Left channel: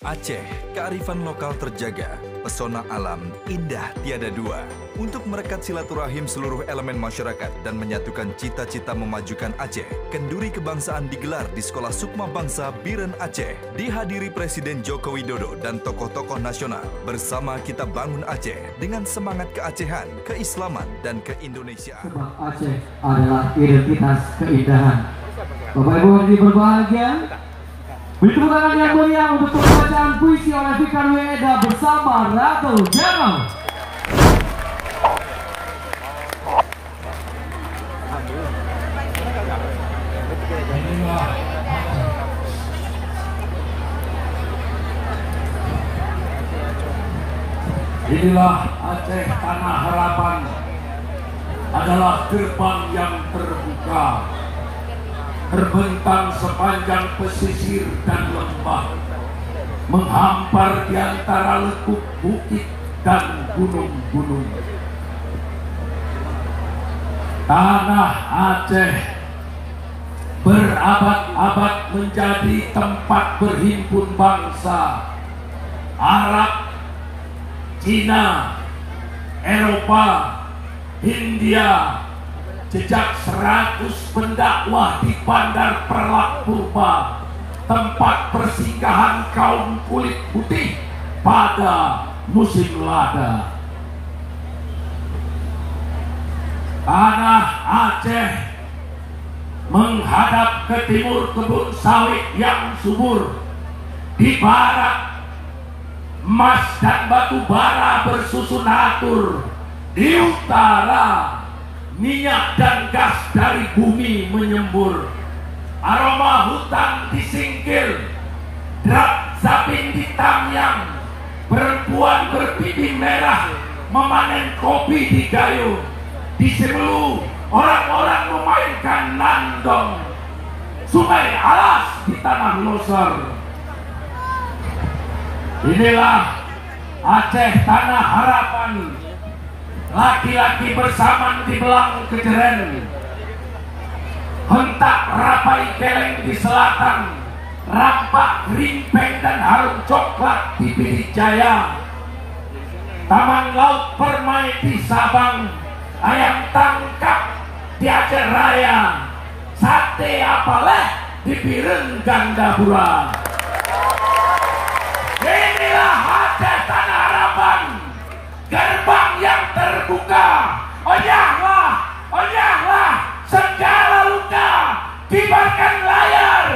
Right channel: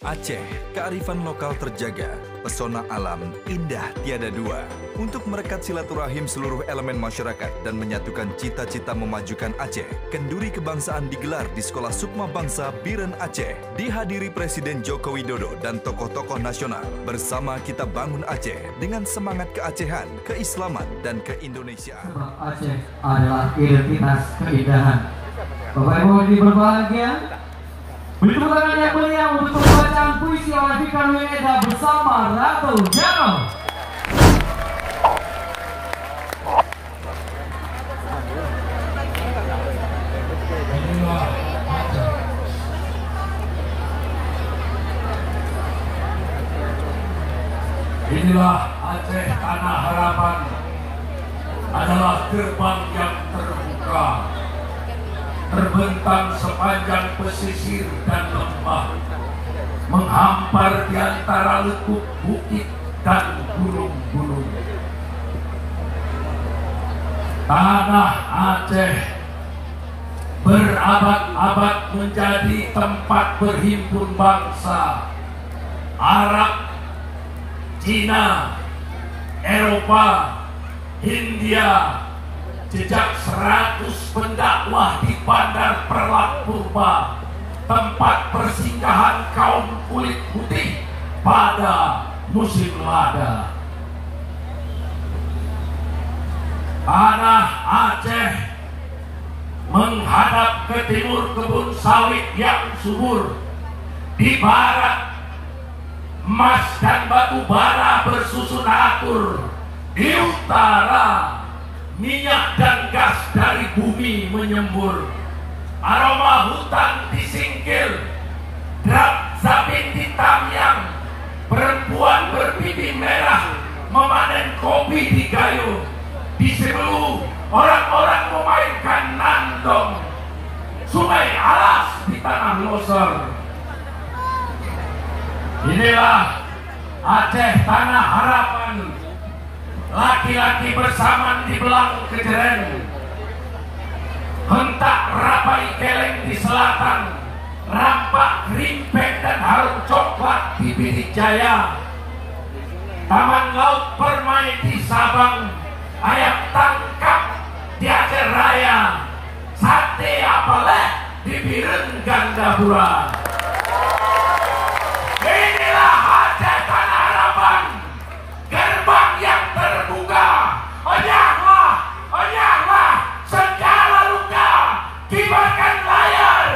Aceh, kearifan lokal terjaga, pesona alam indah tiada dua. Untuk merekat silaturahim seluruh elemen masyarakat dan menyatukan cita-cita memajukan Aceh, kenduri kebangsaan digelar di Sekolah Sukma Bangsa Biren Aceh. Dihadiri Presiden Joko Widodo dan tokoh-tokoh nasional. Bersama kita bangun Aceh dengan semangat keacehan, keislaman, dan keindonesiaan. Sebab Aceh adalah identitas keindahan. Bapak Ibu yang berbahagia, beri tepuk tangan yang mulia untuk pembacaan puisi oleh Fikar Wieda bersama Ratu Jero. Inilah Aceh Tanah Harapan, adalah gerbang yang terbuka, terbentang sepanjang pesisir dan lembah, menghampar di antara lekuk bukit dan gunung-gunung. Tanah Aceh berabad-abad menjadi tempat berhimpun bangsa Arab, Cina, Eropa, Hindia. Jejak 100 pendakwah di Bandar Perlak Purba, tempat persinggahan kaum kulit putih pada musim lada. Tanah Aceh menghadap ke timur kebun sawit yang subur, di barat emas dan batu bara bersusun atur, di utara minyak dan gas dari bumi menyembur, aroma hutan disingkir, drap saping ditamyang, perempuan berpipi merah memanen kopi di gayung, di Sebelu orang-orang memainkan nandong, sungai alas di tanah losor. Inilah Aceh Tanah Harapan, laki-laki bersamaan di belang kejeren, hentak rapai keleng di selatan, rampak rimpeng dan harum coklat di Birik Jaya, taman laut permai di Sabang, ayam tangkap di Aceh Raya, sate apaleh di Biren Gandapura. Inilah Aceh Tanah Harapan, gerbang yang terbuka. Oyahlah segala luka, kibarkan layar